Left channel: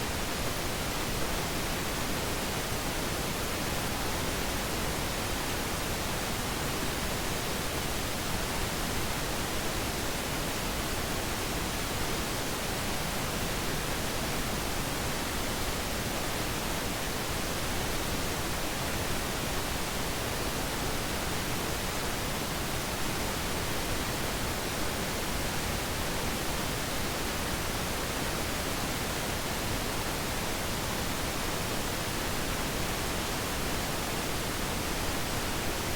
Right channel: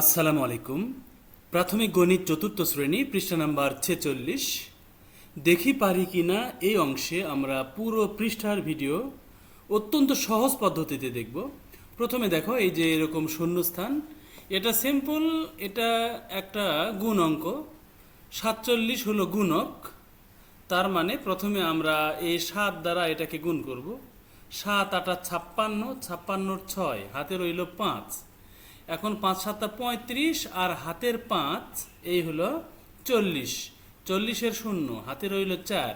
আসসালামু আলাইকুম। প্রাথমিক গণিত চতুর্থ শ্রেণী পৃষ্ঠা নাম্বার 46। দেখি পারি কিনা এই অংশে আমরা পুরো পৃষ্ঠার ভিডিও অত্যন্ত সহজ পদ্ধতিতে দেখব। প্রথমে দেখো, এই যে এরকম শূন্যস্থান, এটা সিম্পল, এটা একটা গুণ অঙ্ক। 47 হলো গুণক, তার মানে প্রথমে আমরা এই 7 দ্বারা এটাকে গুণ করব। 7 8 56, 56 6, হাতে রইল 5। এখন 5 7 35 আর হাতের 5, এই হলো 40। 40-এর শূন্য, হাতে রইল 4।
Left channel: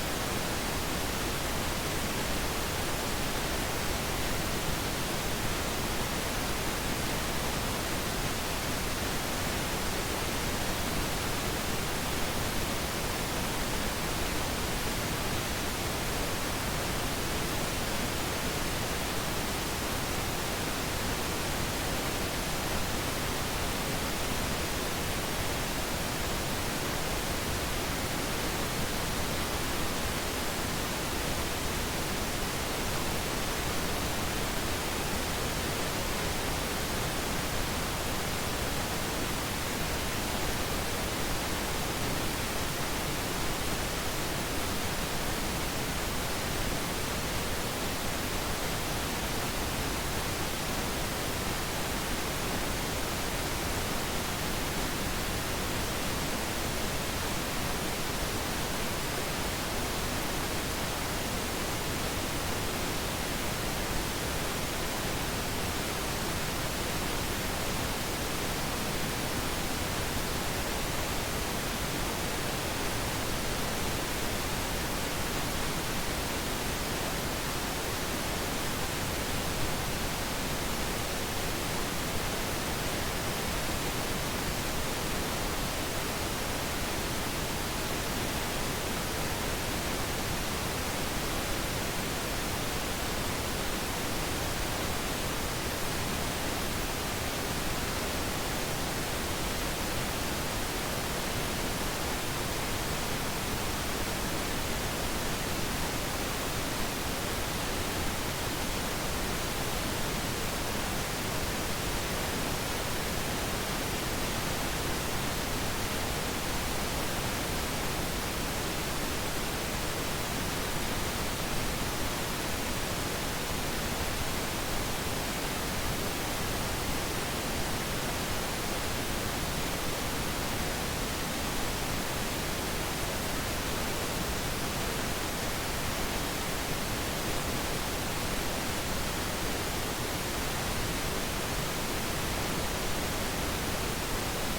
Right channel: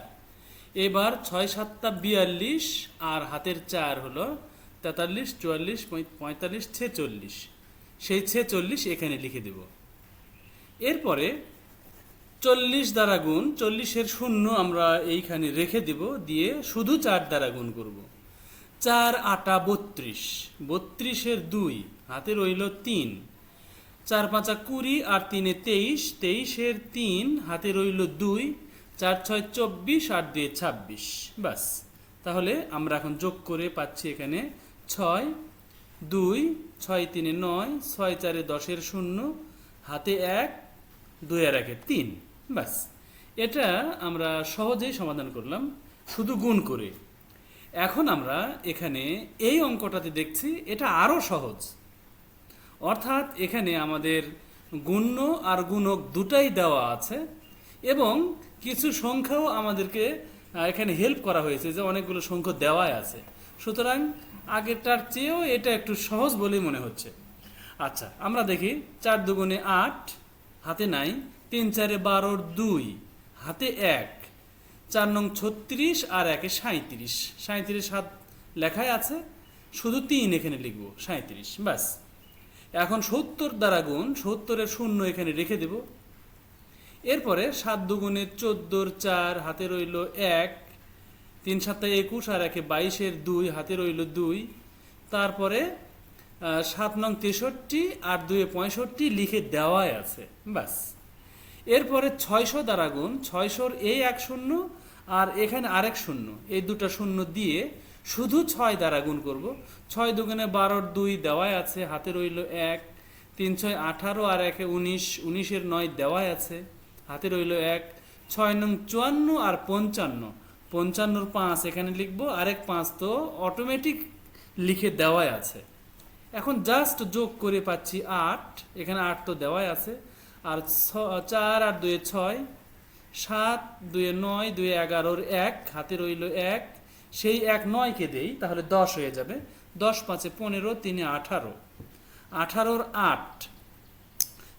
এবার 6 7 42 আর হাতের 4 হলো 43 44 45 46। সেই 46 এখানে লিখে দেব। এরপরে 40 দ্বারা গুণ, 40-এর শূন্য আমরা এইখানে রেখে দিব, দিয়ে শুধু 4 দ্বারা গুণ দেব। 4 8 32, 32-এর 2, হাতে রইল 3। 4 5 20 আর 3 23, 23-এর 3, হাতে রইল 2। 4 6 24 আর 2 26। ব্যাস, তাহলে আমরা এখন যোগ করে পাচ্ছি এখানে 6 2 6 3 9 6 4 10-এর শূন্য, হাতে 1, 2 আর 1 3। ব্যাস, এটা আমরা সহজেই সমাধান করলাম শুধু গুণ করে। এখন আমরা এখানে এই অঙ্কটাতে দেখছি এটা আরও সহজ, অর্থাৎ এখানে আমাদের গুণ্য আর গুণক দুটাই দেওয়া আছে এবং কিছু সংখ্যাও আমাদেরকে এখানে হেল্প করা হয়েছে, যে অনেকগুলো সংখ্যা দেওয়াই আছে। সুতরাং আগেরটার চেয়েও এটা একটু সহজ বলে মনে হচ্ছে। আচ্ছা, আমরা দেখি 4 2 8, হাতে নাই। 3 4 12 2, হাতে 1। 4 নং 36 আর 1 37। 37 হাত লেখায় আছে, শুধু 3 এখানে দেখি 37। ব্যাস, এখন 70 দ্বারা গুণ, 70-এর শূন্য এখানে রেখে দেব। এরপরে 7 2 14, 4, হাতে রইল 1। 3 7 21 আর 1 22-এর 2, হাতে রইল 2। তারপরে 7 নং 63 আর 2 65 লিখে দেওয়াই আছে। ব্যাস, এরপরে 600 দ্বারা গুণ, 600-র এই এক শূন্য আর এখানে আরেক শূন্য, এই দুটো শূন্য দিয়ে শুধু 6 দ্বারা গুণ করব। 6 2 12 2 দেওয়াই আছে, হাতে রইল 1। 3 6 18 আর 1 19, 19-এর 9 দেওয়াই আছে, হাতে রইল 1। 6 নং 54 আর 55, 55-র 5 এখানে লিখবো, আরেক 5 তো অটোমেটিক লিখে দেওয়াই আছে। এখন জাস্ট যোগ করে পাচ্ছি 8, এখানে 8 তো দেওয়াই আছে। আর 4 আর 2 6, 7 2 9, 2 11-র 1, হাতে রইল 1। সেই 1 9-কে দিই, তাহলে 10 হয়ে যাবে। 10 5 15, 3 18, 18-র 8,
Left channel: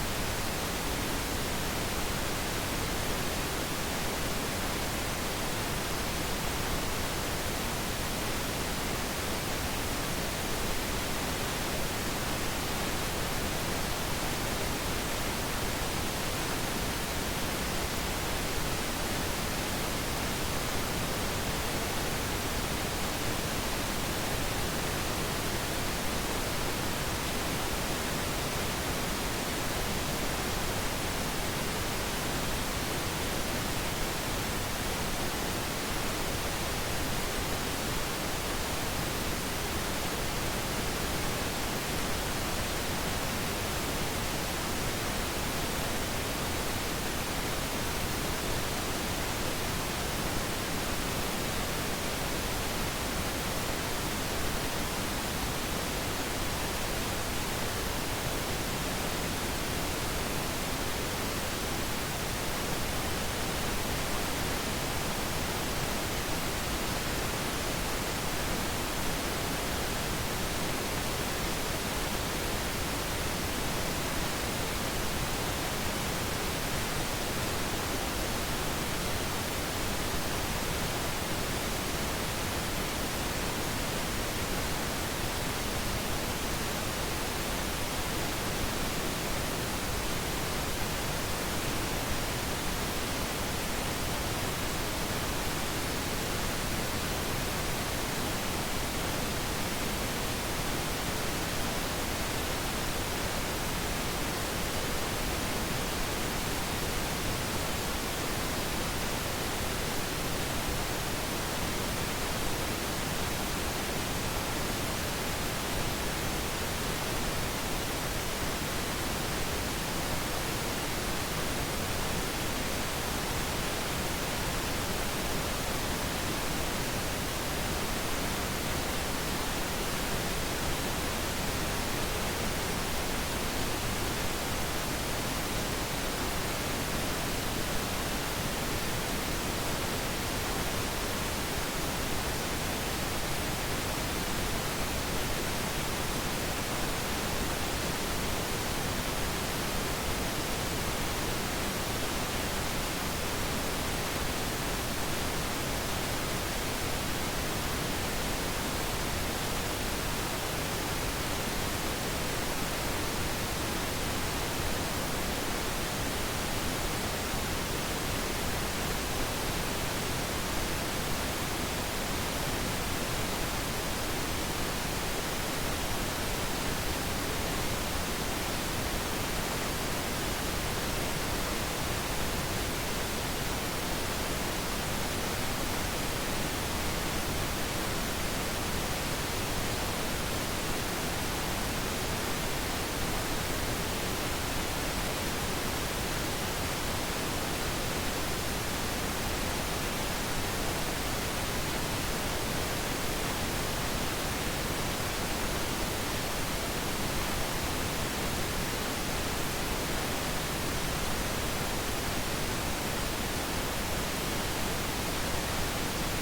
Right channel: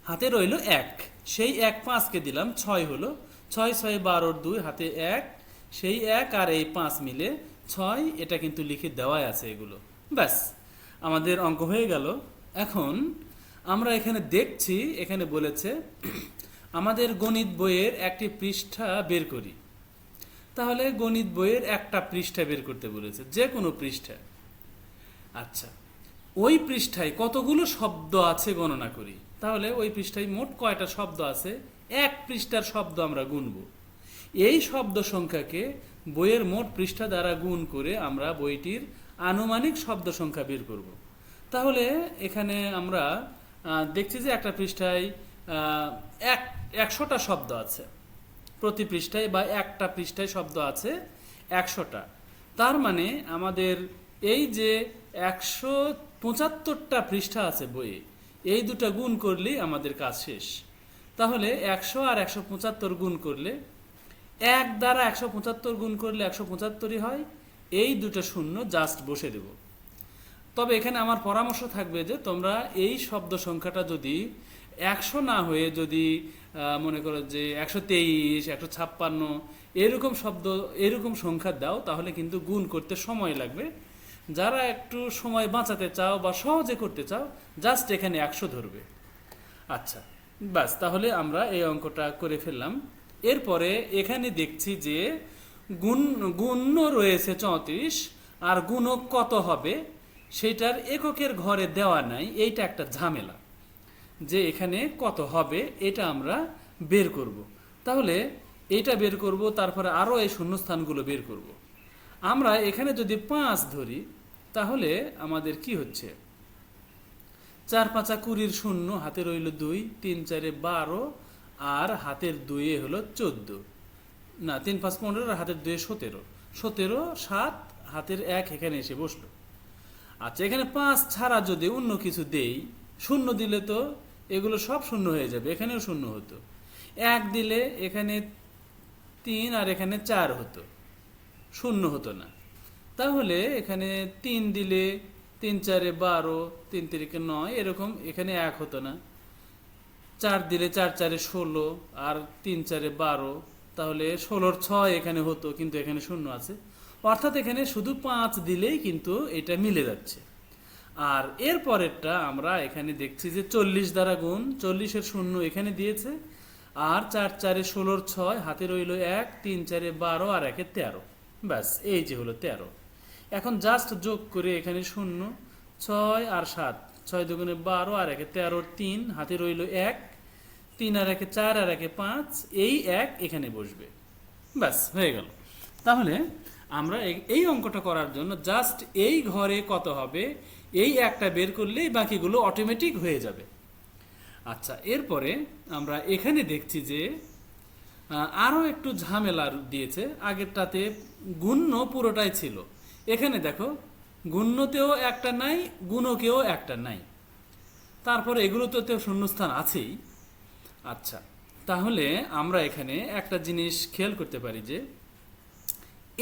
হাতে রইল 1। সেই 1 5-কে দিলাম, 6 হলো। 6 6 12-র 2, হাতে 1। সেই 1 আর এই 5 মিলে 6, এটা কিন্তু লিখে দেওয়াই আছে। ব্যাস, আমাদের অঙ্ক হয়ে গেল। এখন আমরা এখানে দেখছি, এখানে বলেছে আমাদের গণিত বইয়ের একটি পৃষ্ঠা বের করতে। তাহলে গণিত বইয়ের একটা পৃষ্ঠা বের করতে বলেছে, যে কোনো পৃষ্ঠা। আচ্ছা, ওই পৃষ্ঠায় কতগুলো শব্দ আছে গণনা করি। তাহলে ওই পৃষ্ঠায় মোট কয়টা শব্দ আছে, এক পৃষ্ঠার শব্দ আমরা গুনব। এই শব্দ সংখ্যাকে বইয়ের মোট পৃষ্ঠা দ্বারা গুণ করে আমরা বইটির আনুমানিক শব্দ সংখ্যা বের করব। তাহলে এখানে আমরা দেখছি যে একটা পৃষ্ঠায় 100টা শব্দ আছে প্রতি পৃষ্ঠায়, বা একটা পৃষ্ঠায় শব্দ আছে 100টা। তার মানে আমাদের এই যে 175টা পৃষ্ঠা আছে বই, এই দুটো গুণ করলেই আমাদের কাজ শেষ। তাহলে 100 আর 175 গুণ করলে, 1 দ্বারা 175 গুণ করলে 175ই হয়। এই দুটো শূন্য জাস্ট বসে দেবে। তবে এখানে আমার পরামর্শ থাকবে যে তোমরা এই শব্দ সংখ্যাটা যদি 100 না হয়ে যদি মনে করো যে 123 156 এরকম শব্দ, এরকম সংখ্যা দাও, তাহলে কিন্তু গুণ করতে সময় লাগবে। যারা একটু সময় বাঁচাতে চাও বা সহজে করতে চাও, জাস্ট এখানে 100 দিন। আচ্ছা, ব্যাস, তাহলে আমরা এই অঙ্কটা করে ফেললাম। এরপরে এখানে দেখছি যে গুণ্য রয়েছে 34, আর গুণক কত হবে সেটার এককের ঘরে দেওয়া নাই। এইটা একটা ঝামেলা, যে এখানে কত হবে এটা আমরা বের করব। তাহলে এইটা বের করব, তারপরে আরও এই শূন্যস্থানগুলো বের করব। আমরা এখানে যদি 5 ধরি, তাহলে আমাদের কি হচ্ছে, 4 5 20 শূন্য, হাতে রইল 2, 3 4 12 আর হাতের 2 হলো 14, না 3 5 15 আর হাতের 2 17, 17 7 হাতের 1 এখানে এসে বসবে। আচ্ছা, এখানে 5 ছাড়া যদি অন্য কিছু দেই, শূন্য দিলে তো এগুলো সব শূন্য হয়ে যাবে, এখানেও শূন্য হবে। 1 দিলে এখানে 3 আর এখানে 4 শূন্য হতো, তাহলে এখানে 3 দিলে 3 4 12, 3 3 9, এরকম এখানে 1 হতো না। 4 দিলে 4 4 16 আর 3 4 12, তাহলে 16 6 এখানে হতো, কিন্তু এখানে শূন্য আছে, অর্থাৎ এখানে শুধু 5 দিলেই কিন্তু এটা মিলে যাচ্ছে। আর এর পরেরটা আমরা এখানে দেখছি যে 40 দ্বারা গুণ, 40-এর শূন্য এখানে দিয়েছে, আর 4 4 16 6, হাতে রইল 1, 3 4 12 আর 1 13, ব্যাস এই যে হলো 13। এখন জাস্ট যোগ করে এখানে শূন্য, 6 আর 7, 6 দুগুণে 12 আর 1 13, 3 হাতে রইল 1, 3 আর 1 4 আর 1 5, এই 1 এখানে রইল, ব্যাস হয়ে গেল। তাহলে আমরা এই অঙ্কটা করার জন্য জাস্ট এই ঘরে কত হবে এই একটা বের করলেই বাকিগুলো অটোমেটিক হয়ে যাবে। আচ্ছা, এরপরে আমরা এখানে দেখছি যে আরও একটু ঝামেলা দিয়েছে, আগেরটাতে গুণ্য পুরোটাই ছিল, এখানে দেখো গুণ্যতেও একটা নাই, গুণকেও একটা নাই, তারপরে এগুলোতে তো শূন্যস্থান আছেই। আচ্ছা, তাহলে আমরা এখানে একটা জিনিস খেয়াল করতে পারি যে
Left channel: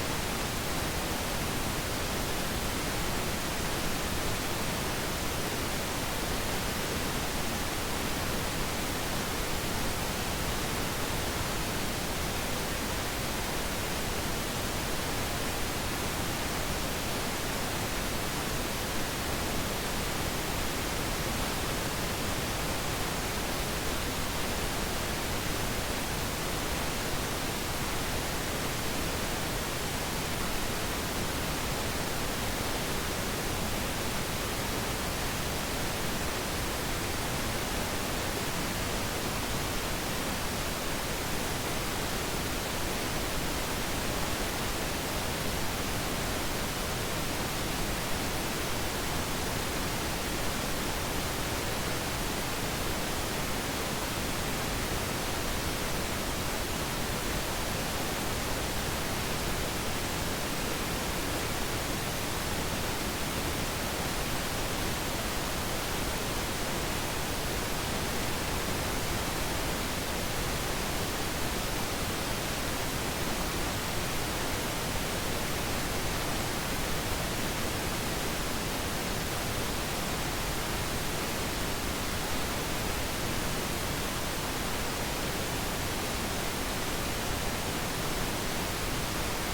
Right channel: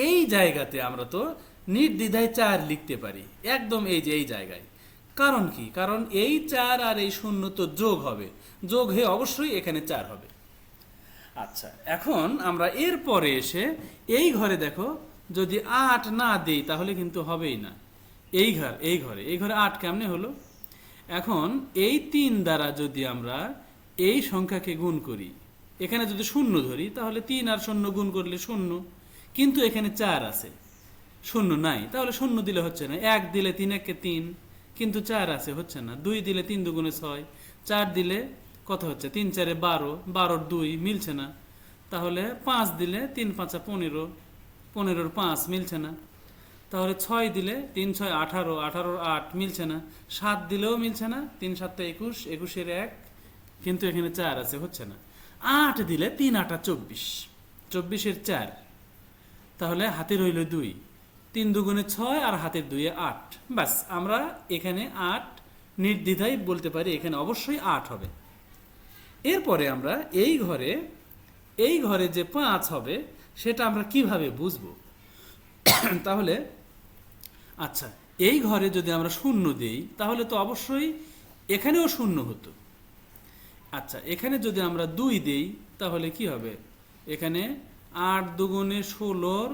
এই জায়গাতে আমরা তো নির্দ্বিধায় 4 লিখতে পারি, একদম এই যে এই জায়গায়। কারণ কি? কারণ এই 4 আর এই শূন্য তো যোগ হবে, যোগ হয়ে অবশ্যই এখানে 4 হবে। আচ্ছা, এখন আমরা এরপরে এসে এই ঘরে দেখো যদি 8 না দিই তাহলে কিন্তু হবেই না। এই ঘরে 8 কেমনে হলো? এখন এই 3 দ্বারা যদি আমরা এই সংখ্যাকে গুণ করি, এখানে যদি শূন্য ধরি তাহলে 3 আর শূন্য গুণ করলে শূন্য, কিন্তু এখানে 4 আছে, শূন্য নাই, তাহলে শূন্য দিলে হচ্ছে না। 1 দিলে 3 1 3, কিন্তু 4 আছে, হচ্ছে না। 2 দিলে 3 2 6, 4 দিলে কত হচ্ছে? 3 4 12, 12 2 মিলছে না। তাহলে 5 দিলে 3 5 15, 15 5 মিলছে না। তাহলে 6 দিলে 3 6 18, 18 8 মিলছে না। 7 দিলেও মিলছে না, 3 7 21, 21 1, কিন্তু এখানে 4 আছে, হচ্ছে না। 8 দিলে 3 8 24, 24 4, তাহলে হাতে রইল 2, 3 দুগুণে 6 আর হাতে 2 8, ব্যাস আমরা এখানে 8 নির্দ্বিধায় বলতে পারি এখানে অবশ্যই 8 হবে। এরপরে আমরা এই ঘরে যে 5 হবে সেটা আমরা কিভাবে বুঝব? তাহলে আচ্ছা, এই ঘরে যদি আমরা শূন্য দিই তাহলে তো অবশ্যই এখানেও শূন্য হবে। আচ্ছা, এখানে যদি আমরা 2 দিই তাহলে কি হবে? এখানে 8 দুগুণে 16,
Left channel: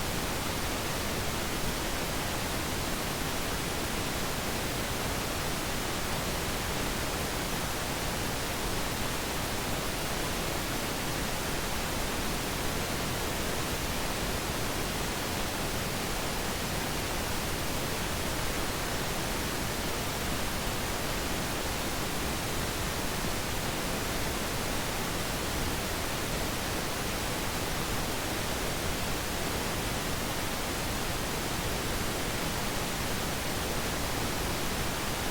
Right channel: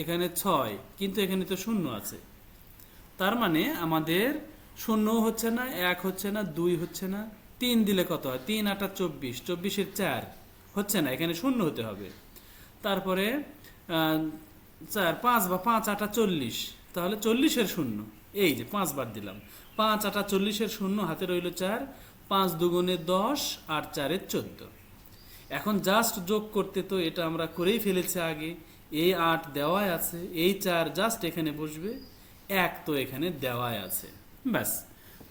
এখানে 6, কিন্তু এখানে তো শূন্য আছে, তার মানে আমাদের শূন্য হচ্ছে না, 1 হচ্ছে না, 2 হচ্ছে না। 3 দিলে কত হয়? 3 8 24, 24 4, হচ্ছে না, এখানে শূন্য হতে হবে। তারপরে 4 5 বা 5 8 40, তাহলে 40-এর শূন্য, এই যে 5 বার দিলে 5 8 40-এর শূন্য, হাতে রইল 4, 5 দুগুণে 10 আর 4 14। এখন জাস্ট যোগ করতে তো এটা আমরা করেই ফেলেছি আগে, এই 8 দেওয়াই আছে, এই 4 জাস্ট এখানে বসবে, 1 তো এখানে দেওয়াই আছে, ব্যাস।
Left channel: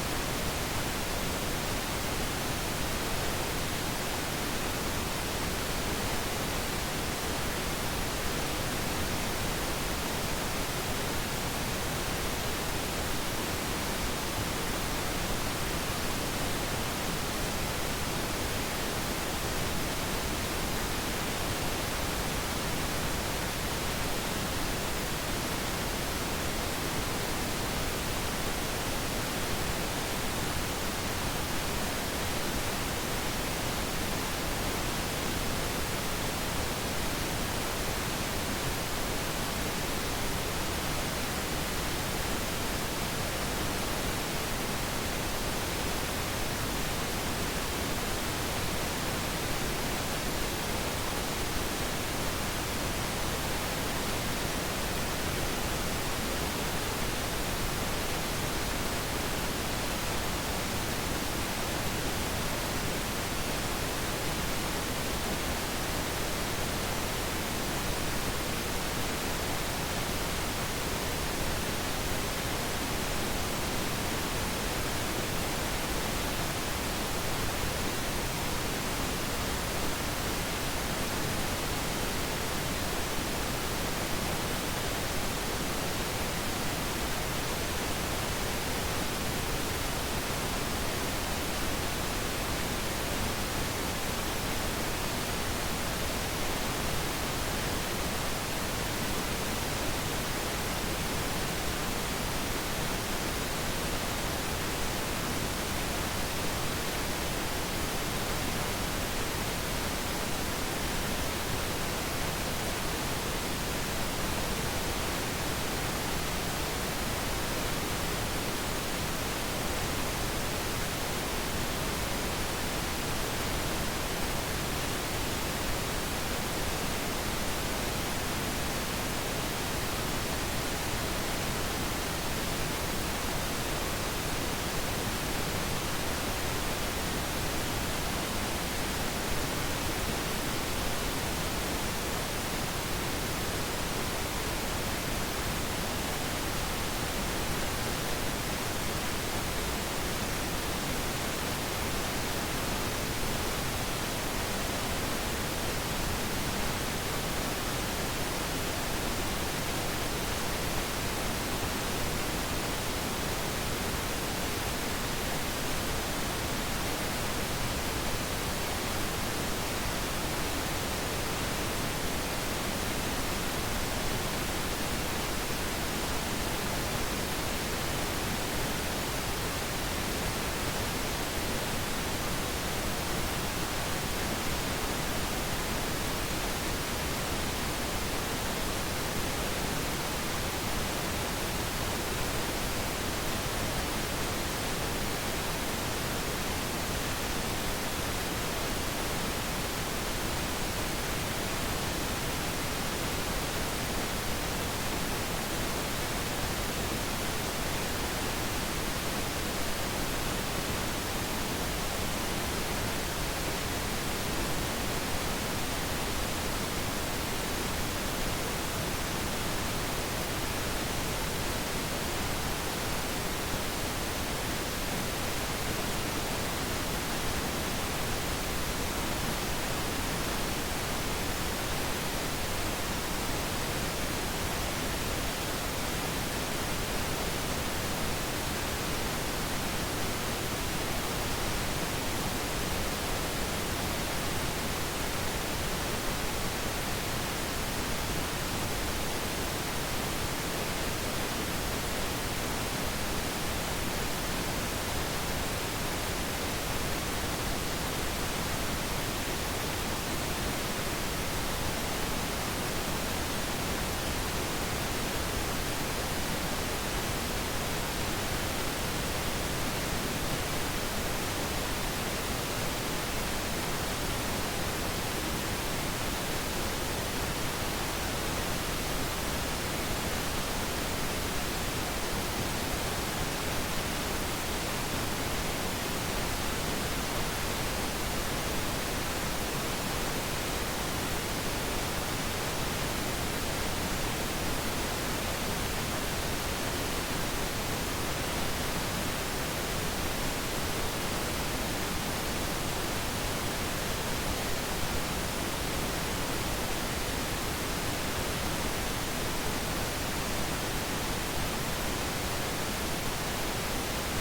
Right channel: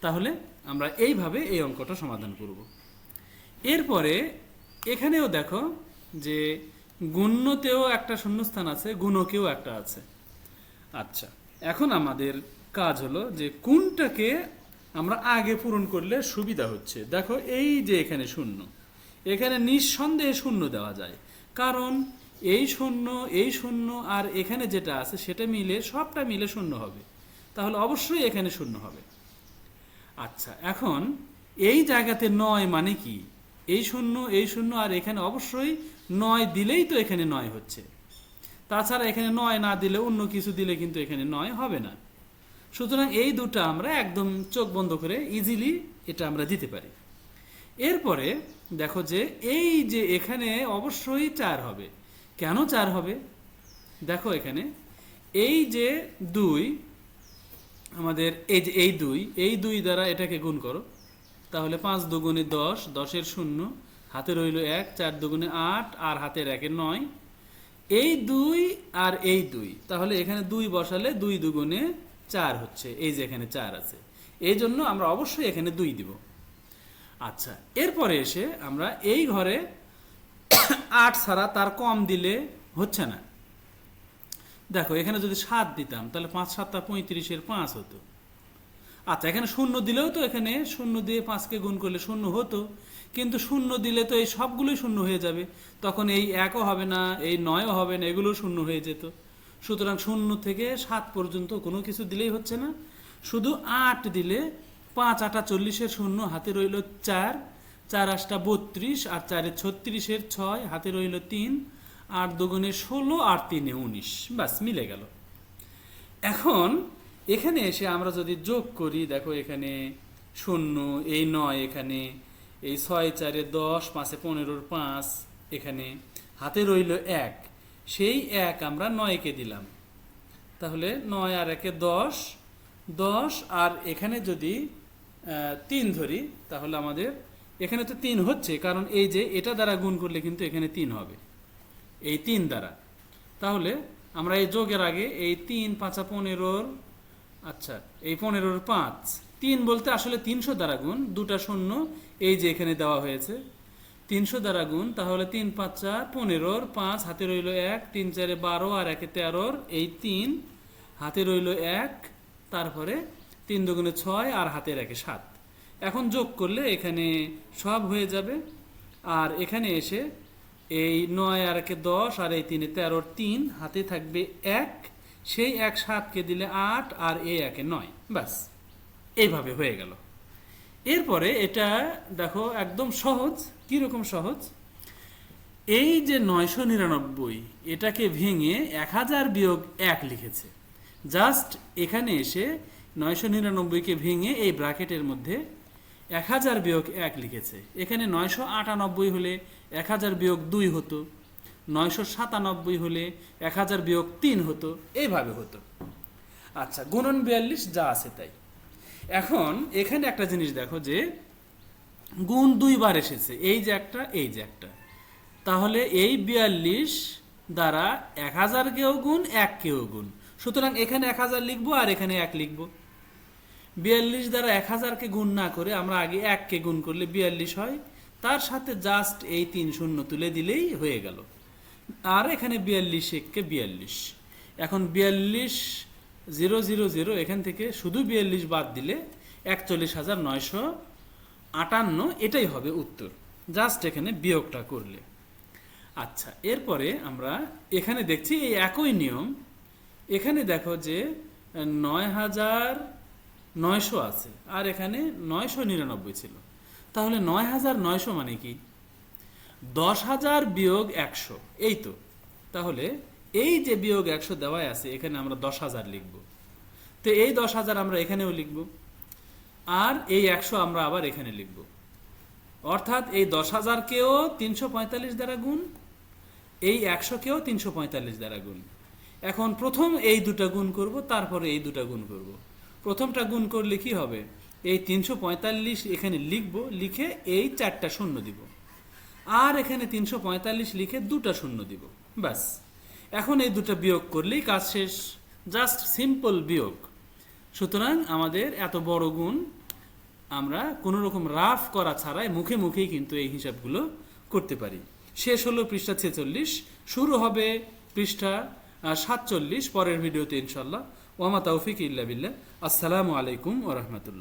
তাহলে আমরা এইভাবে এই অঙ্কটা সমাধান করি। এরপরে এখানেও দেখো যে গুণ্যতেও একটা শূন্যস্থান আছে, গুণকেও একটা আছে। আচ্ছা, এখন আমাদের কাজ হলো যে কোনটাকে আমরা আগে পূরণ করলে সুবিধা হচ্ছে। দেখো এই যে এখানে শূন্য, এখানে নিঃসন্দেহে শূন্য দেওয়া যায়, কারণ এই শূন্য আর এখানে যেটা আছে সেটা মিলে সবটা মিলে শূন্য হবে, তাহলে অবশ্যই এখানে শূন্য হবে। আচ্ছা, এখন এই জায়গাতে 9 মানে কি? এই শূন্য আর এখানে অবশ্যই 9 দিলেই তো এখানে 9 হচ্ছে, তাছাড়া এখানে 9 না দিলে অন্য কিছু দিলে কিন্তু এখানে 9 হবে না। সুতরাং এই দুটো আমরা একদম চোখ বন্ধ করে ইজিলি এটা আমরা দিতে পারি। এরপরে দেখো যে এই যে এখানে অবশ্যই 4 হবে। কেন 4 হবে? দেখো এখানে এই যে 2, আমাদের এই যে এই 2 দ্বারা এটাকে গুণ করো, তাহলে 5 দুগুণে 10, 10-এর শূন্য, হাতে রইল 1, 4 দুগুণে 8 আর হাতের 1 9, এই 2 আর এই 2, তাহলে এখানে 2 বসালে 2 দুগুণে 4 হচ্ছে, এই যে এখানে 4 আছে। এই জন্য আমরা অবশ্যই এখানে 2 দিই। আচ্ছা, এরপরে এসে আমরা এই ঘরে 8 ছাড়া তার কম দিলে হচ্ছে না। দেখো এখানে যদি 7 দিতাম তাহলে 5 7 35 5 হতো। আচ্ছা, এখানে 0 দিলেও তো এখানে 0 দিয়ে 5কে গুণ করলে 0 হতো, কিন্তু 0 দিলে তো এই সবগুলোই 0 হয়ে যাবে, তখন এই 1ও হবে না, এই 9ও হবে না, এগুলো 0 হয়ে যেত। সুতরাং 0 থেকে 7 পর্যন্ত কোনো কিছু দিলেই হচ্ছে না, শুধু 8 দিলে 5 8 40 0 হাতে রইল 4, 4 8 32 আর 4 36 6 হাতে রইল 3, 8 2 16 8 3 19, বাস মিলে গেল। এখন এখানে এসে আমরা যদি যোগ করি, দেখো এখানে 0, এই 9 এখানে, এই 6 4 10 5 15 5 এখানে হাতে রইল 1, সেই 1 আমরা 9কে দিলাম, তাহলে 9 আর 1 10, 10 আর এখানে যদি 3 ধরি তাহলে আমাদের এখানে তো 3 হচ্ছে, কারণ এই যে এটা দ্বারা গুণ করলে কিন্তু এখানে 3 হবে, এই 3 দ্বারা। তাহলে আমরা এই যোগের আগে এই 3 5 15, এই 15 5, 3 বলতে আসলে 300 দ্বারা গুণ, দুটা শূন্য এই যে এখানে দেওয়া হয়েছে, 300 দ্বারা গুণ, তাহলে 3 5 15, 5 হাতে রইল 1, 3 4 12 আর 1 13, এই 3 হাতে রইল 1, তারপরে 3 2 6 আর হাতের 1 7। এখন যোগ করলে এখানে সব হয়ে যাবে, আর এখানে এসে এই 9 আর 1 10 আর এই 3 13, 3 হাতে থাকবে 1, সেই 1 7কে দিলে 8 আর এই 1 9, ব্যাস এইভাবে হয়ে গেল। এরপরে এটা দেখো একদম সহজ। কীরকম সহজ? এই যে 999 এটাকে ভেঙে 1000 বিয়োগ 1 লিখেছি, জাস্ট এখানে এসে 999কে ভেঙে এই ব্র্যাকেটের মধ্যে 1000 বিয়োগ 1 লিখেছি। এখানে 998 হলে 1000 বিয়োগ 2 হতো, 997 হলে 1000 বিয়োগ 3 হতো, এইভাবে হতো। আচ্ছা, গুণন 42 যা আছে তাই। এখন এখানে একটা জিনিস দেখো যে গুণ 2 বার এসেছে, এই যে একটা, এই যে একটা, তাহলে এই 42 দ্বারা 1000কেও গুণ 1কেও গুণ, সুতরাং এখানে 1000 লিখবো আর এখানে 1 লিখবো। 42 দ্বারা 1000কে গুণ না করে আমরা আগে 1কে গুণ করলে 42 হয়, তার সাথে জাস্ট এই 3 শূন্য তুলে দিলেই হয়ে গেল। আর এখানে 42 1কে 42, এখন 42 0 0 0, এখান থেকে শুধু 42 বাদ দিলে 41,958, এটাই হবে উত্তর। জাস্ট এখানে বিয়োগটা করি। আচ্ছা, এরপরে আমরা এখানে দেখছি এই একই নিয়ম, এখানে দেখো যে 9,900 আছে আর এখানে 999 আছে, তাহলে 9,900 মানে 10,000 বিয়োগ 100, এই তো। তাহলে এই যে বিয়োগ 100 দেওয়াই আছে, এখানে আমরা 10,000 লিখব, তো এই 10,000 আমরা এখানেও লিখব, আর এই 100 আমরা আবার এখানে লিখব, অর্থাৎ এই 10,000কেও 345 দ্বারা গুণ, এই 100কেও 345 দ্বারা গুণ। এখন প্রথম এই দুটা গুণ করব, তারপরে এই দুটা গুণ করব। প্রথমটা গুণ করলে কি হবে, এই 345 এখানে লিখব, লিখে এই 4টা শূন্য দেব, আর এখানে 345 লিখে 2টা শূন্য দেব, ব্যাস। এখন এই দুটো বিয়োগ করলেই কাজ শেষ, জাস্ট সিম্পল বিয়োগ। সুতরাং আমাদের এত বড় গুণ আমরা কোনো রকম রাফ করা ছাড়াই মুখে মুখেই কিন্তু এই হিসাবগুলো করতে পারি। শেষ হলো পৃষ্ঠা 46, শুরু হবে পৃষ্ঠা 47 পরের ভিডিওতে ইনশাআল্লাহ। ওয়া মা তাওফিক ইল্লা বিল্লাহ। আসসালামু আলাইকুম ওয়া রাহমাতুল্লাহ।